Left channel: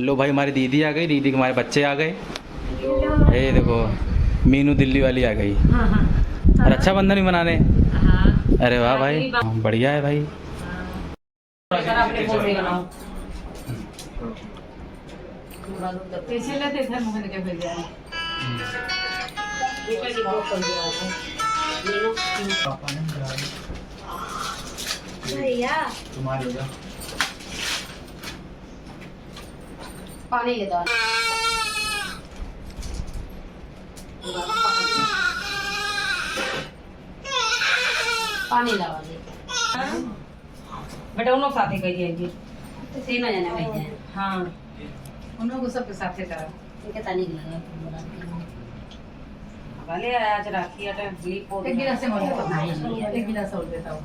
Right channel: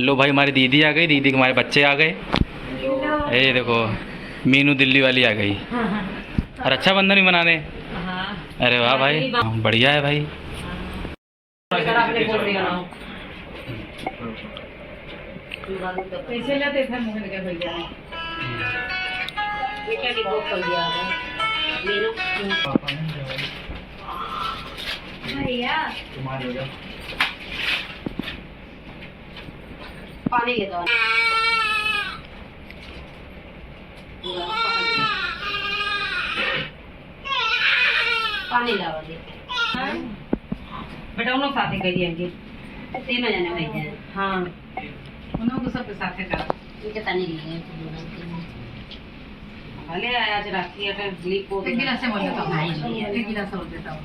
लो भाई, हमारी दीदी आ गई, दीदी के हमारे बच्चे आ गए। ये देखो मीनू दिल्ली वाली आ गई। और अच्छा बंधन भी मनाने। अरे वाह भाई, बढ़िया है भाई। पानी के दो पानी लावा दे बेटा उन साथे कही है कि तीन जने भाई हैं। हां उन को सब साथे का इनके तानी लगे भले आज राखी है स्लीप हो एक गिलास से बोल तो नहीं एक गिलास और देता हूं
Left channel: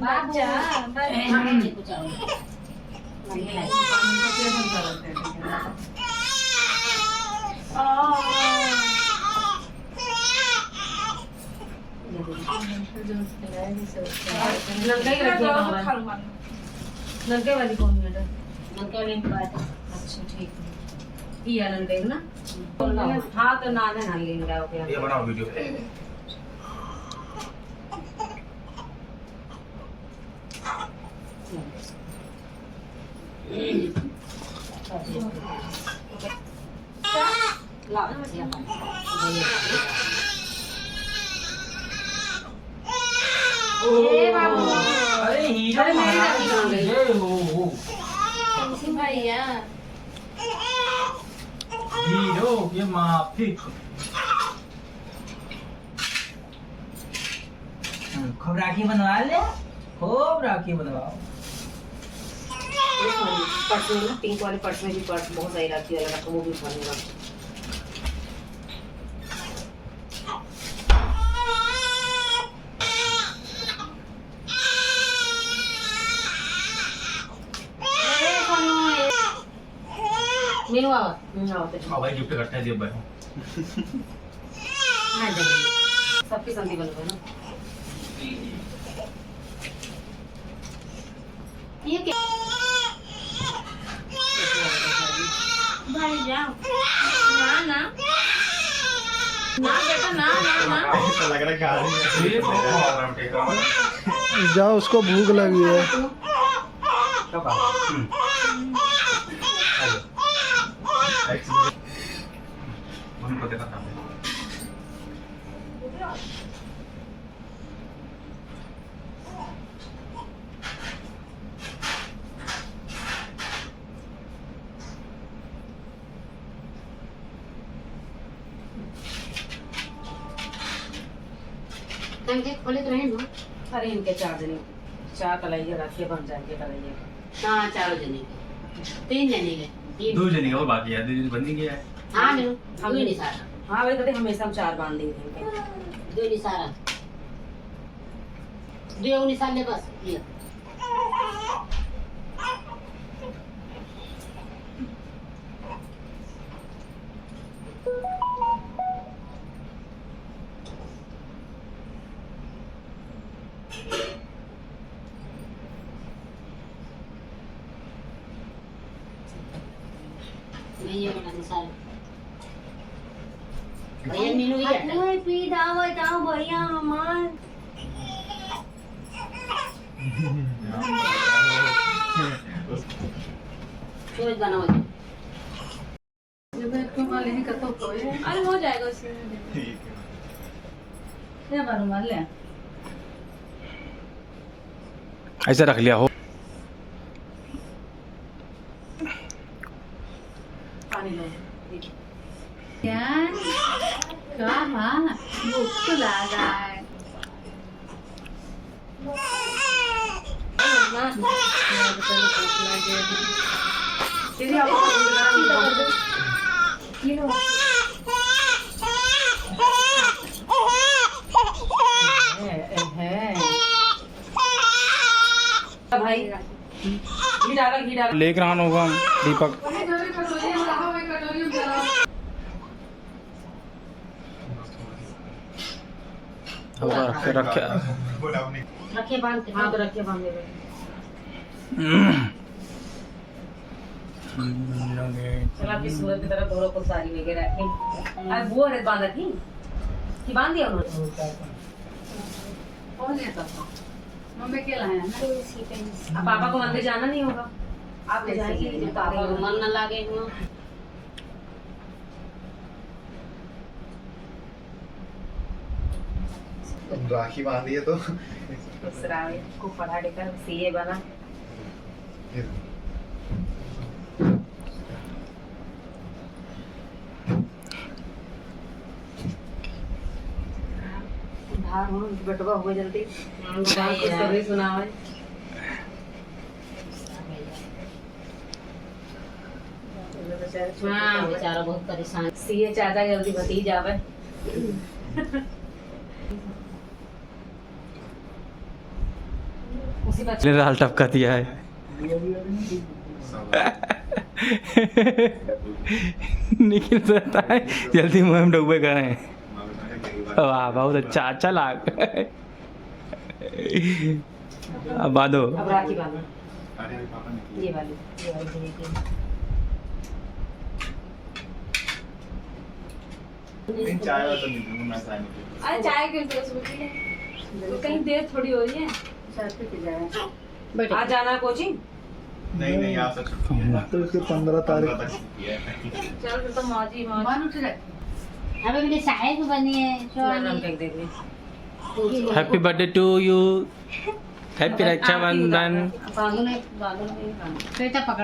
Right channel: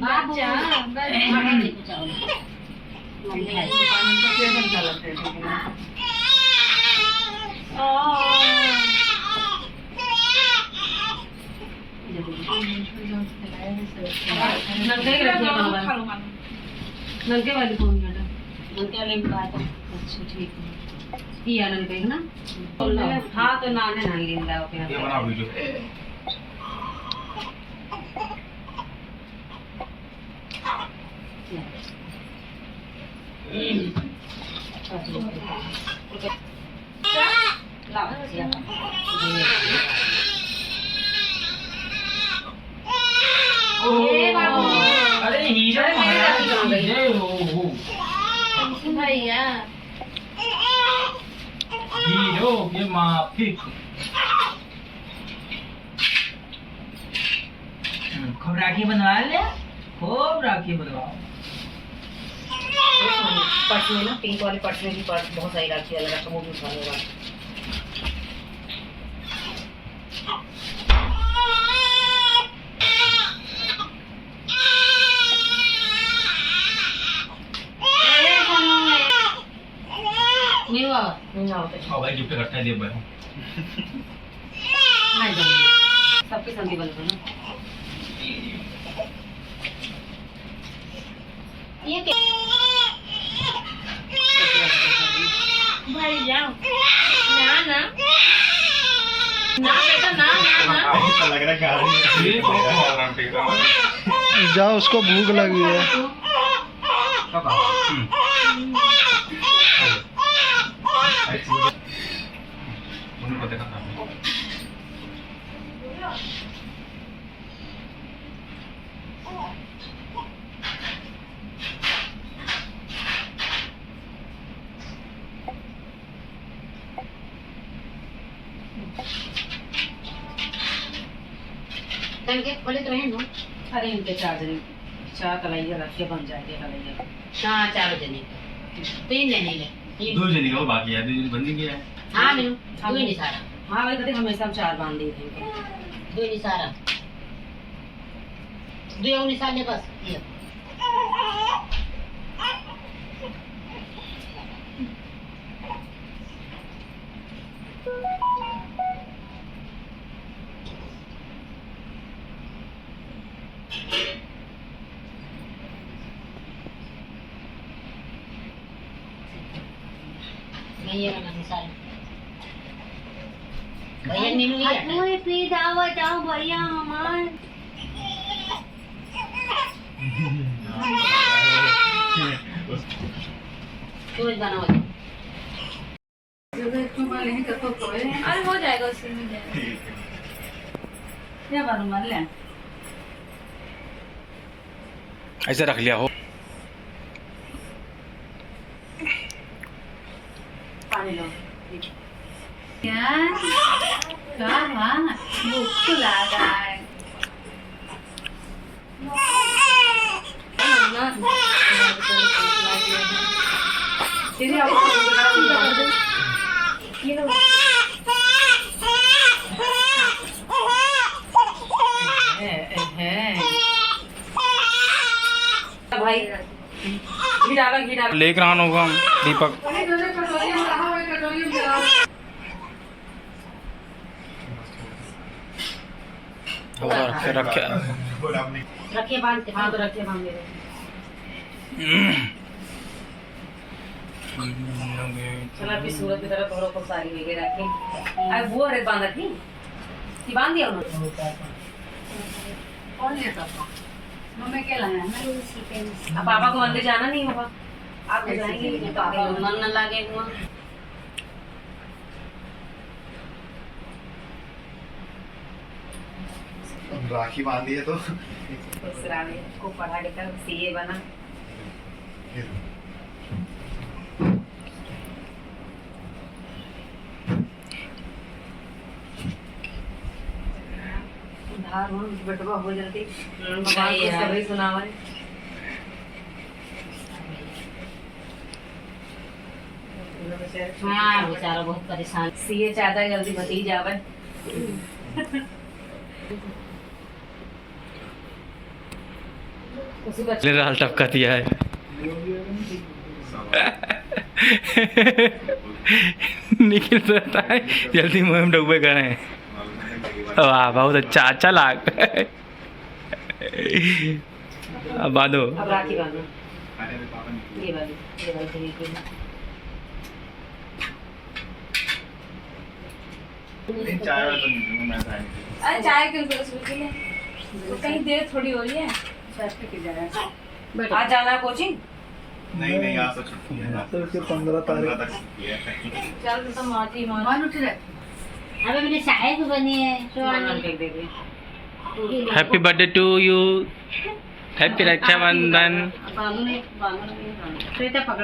बात जा पानी पूछाओ मम्मी ऐसे पानी को प्रेजेंट करते हैं नलके वाली कौन है? नलके वाली बात अच्छा ठीक है ये आनंद बेग ना हाँ तो नाने ना लेंगे ओके ये बनाओ वीडियो अरे हीरा महाराज जय हो भैया हीरो ये माफी खूब राखी बनवा ले खूब राखी बनवाओ पर्स में ना पिंक वाली पर्स में भी पर्स बहुत सारी राखी वाला रखा वो भी उठाने वाला मीनू आओ तो भाई गिफ्ट करता है दिया भाई हां जी सबकी संधि बन गई ना ये क्या भाई जाओ ना ना ना बेटा ना ना ना लग रहा है जाओ उसको भूख लगी है। उनको देखा था के बोले तो रहें दो अरे इनके 4 जने 4 तलाइया रखिए बन जाएंगे तलाइया हाँ 4 जने 3 जने ये 2 जने का बाकी है 2 जने बंदी गया है। हाँ मीनू दो ही नहीं सारा हाँ भाई कहते हमेशा हम 4 बांध देते हैं दो ही नहीं सारा दो नहीं साले बस ये ये वाला मिसाल भैया मीनू भी आता है पी दावा जाओ भैया हमार चोज बनाओ अरे हो जाएगा उसमें क्या बारू मार ले ऐसे रख लिया हो। पानी लो क्या क्या भूख लगा है दीदी आपको भाई घी डालो लेकर आना होगा दीपक। रखे बांध के हाँ तो रखे बांध ले चला अभी सूरत की तरफ घरों को सारी वगैरह रखे। अब वो अरे बांधा थी कि बांध दिया उन्होंने। कौन है पापा? मम्मी क्या लाया ना? अब पापा को मंदिर जाना नहीं होगा, आप तो जाएंगे लेकिन पापा को मन न लागे हुआ। राखी बांधी है तो को पढ़ा लिखा सीए बना। धार हो बटवा हो जल्दी सभी सुना हुआ है। हाँ बेचारा बहुत परेशान। सीए चाहता है जल्दी भतीज आवे। उसी बच्चे लाल टपका दिया है। निखिल तो रहता है जल्दी मुँह में डूबे करें। वाह बहुत अच्छा लाग। अब बांधो। अब राखी बांधो। ये वाली की। चाय तो नहीं मैं अरे चाय क्यों कहीं देर थोड़ी हो रही है। चाय पी जाए। आज जाना है कोचिंग? नहीं आ सकती है तो इसके 15 तारीख तक छुट्टी है। चल फिर तो मौज मान उठ रहे। अबे मैंने चाय भी बनी है happy birthday to you. Happy Rakshabandhan.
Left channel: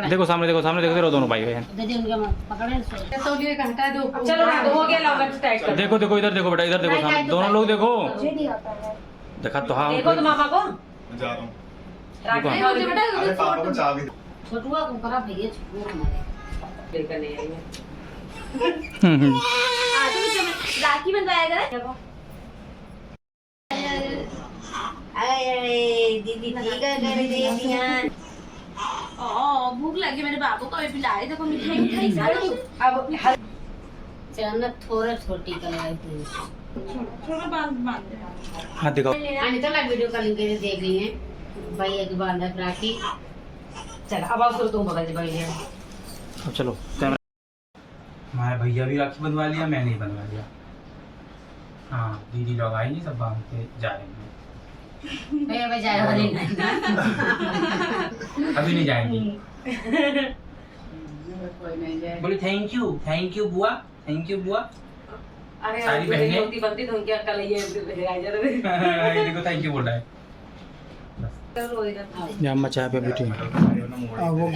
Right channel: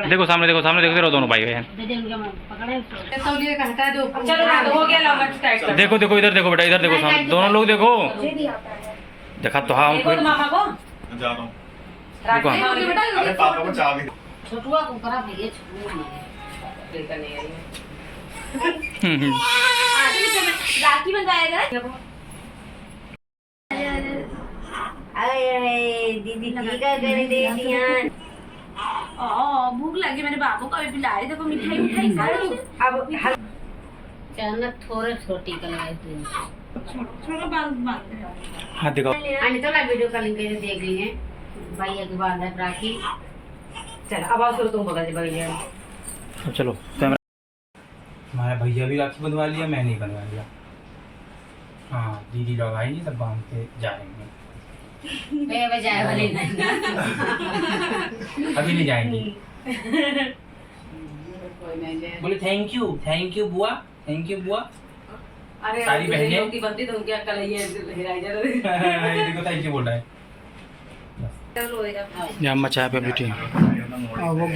देखो सामने देखो दोनों भाई बहन। तौलिए का हटा दो। चलो हो गया लगा टाइट कर। देखो इधर देखो बेटा, इधर देखो सामने दोनों लोग देखो। देखा तो हाँ देखो तो मामा को मैं जा रहा हूँ। राखी बांधो बेटा। अरे पापा को चाबी छोटुआ को ऊपर भैया छोटुआ को लेकर नहीं आई है। राखी बंधाएगा। अरे दीदी की कर दे ध्यान। भूख लगी मेरे बाबू को, अभी लाई देखो मिठाई सारी। अब चल थोड़ा छोटी कर छोटा बांध हाँ दिखाओ। आने तो ना वीडियो कॉलिंग करके देख रही है भैया की बांधा राखी। चल अब आओ तुम पकड़ ले भैया। अब चलो कैमरा। हमारे भैया भी राखी बंधवा लिया, मैं नहीं बंधवा लिया। हाँ दीदी लोग आएंगे सब बांध के जाएंगे। भैया बजाए वाली अभी नहीं जाएंगे। बोले थैंक यू बुआ, थैंक यू बुआ। अरे सारी बहनें होती बनती तो उनकी अक्ल ये हिलाई जा रही। देखो थैंक यू बोल रहा है। चलो इधर ये अम्मा चाय पे बैठी है।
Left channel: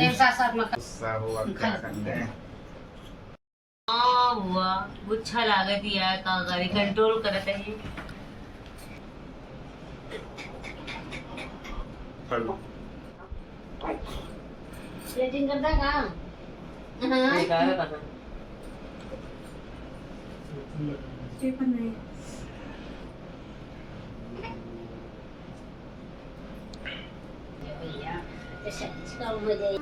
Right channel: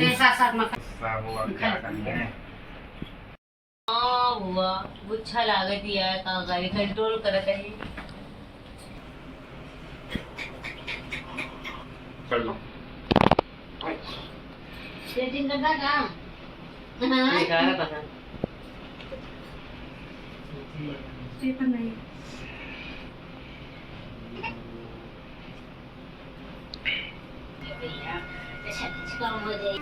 ऐसा साथ में गुस्सा हुआ क्या करते हैं। हुआ गुच्छा लागत यार का गाड़ी कंट्रोल करते हैं। कर लो सेटिंग करता का बेकार बना। स्टीफन नहीं भैया अच्छा हो जाए।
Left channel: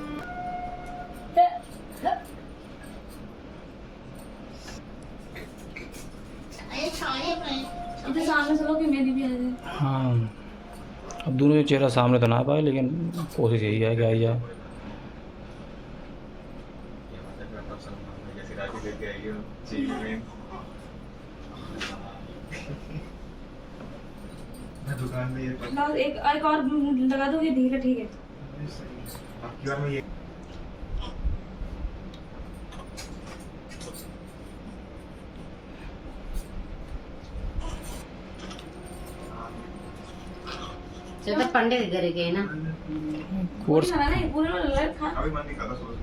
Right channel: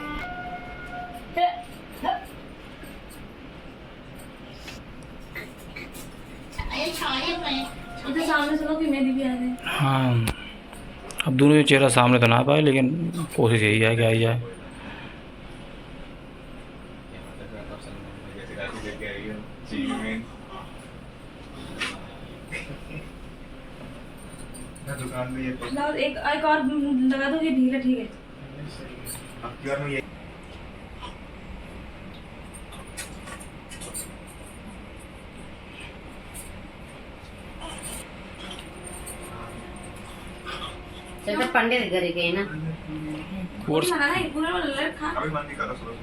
इधर सामने सुनो कि मेरी भी आ जाए। हाँ अब दोनों चेहरा सामने तो ना पाए, लेकिन कोशिश यही है कि आई जाए। दुकान में ये लाओ एक और लगा दो, ये ढीला ठीक है। अब की बार में ये चल तो पंडित घर गए ना कोर्स खाना नहीं पूरा लड़ खा। अभी बंद नहीं करा सोच।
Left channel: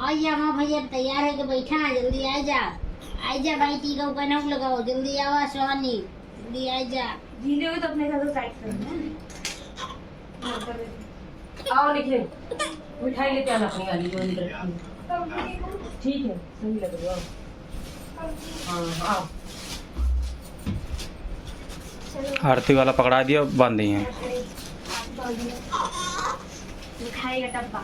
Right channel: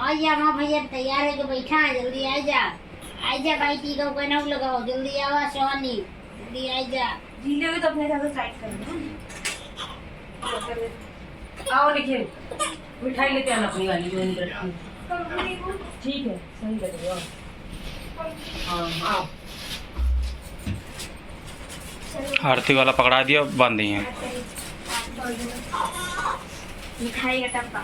आजा माँ भैया तैयार है कि बैठा है, जल्दी आजा भाई टीका को ना लगाओ, जल्दी आवा सोनी, जल्दी आजा। झीले हुए तो अपने हिसाब से टाइट करना। आओ देखिए मिठाई लेके आना अपनी वाली जो इधर रखी है। ठीक है सही लगेगा। आओ आरती वाला पकड़ा दिया, बांध दिए हैं। मिठाई का डब्बा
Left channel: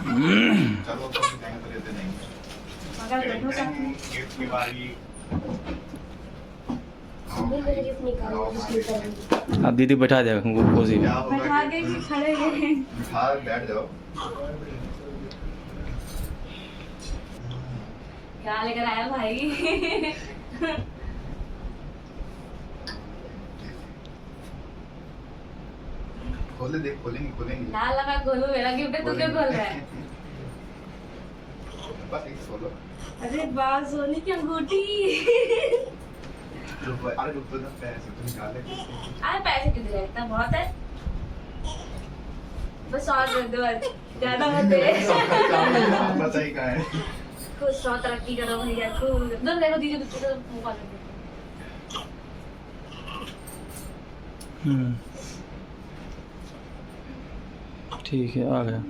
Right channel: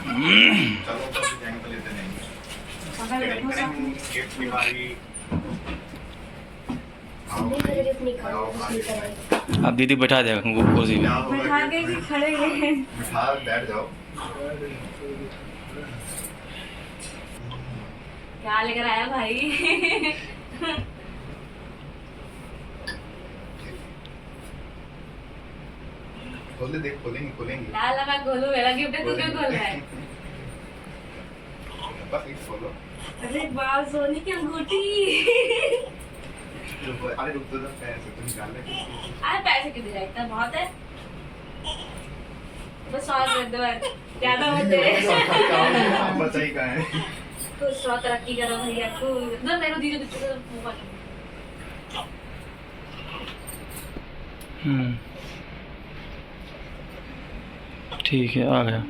अब दीदी बैठा जाएगा गोदी में। बैठा के भी खड़े हैं। बैठ जाओ। क्या लेकर आया भाई? खोले देख, खोलेंगे खोलेंगे। ना लगा खोलू, मेरा गिफ्ट है, तू क्यों खोल रहा है? बस एक खोलो। अरे वाह, सोनी की अंगूठी। अरे रुक तो, पैसे तुम निकाल ले। अरे पैसे कितने जाए, इतना बहुत है। बस 100 दे दो, ज्यादा मत दे। बचाई का है। खुद 100 तरक्की करो भैया, खुद। दो देखो दीजिए, दीजिए मोबाइल। ठीक है, आ गया।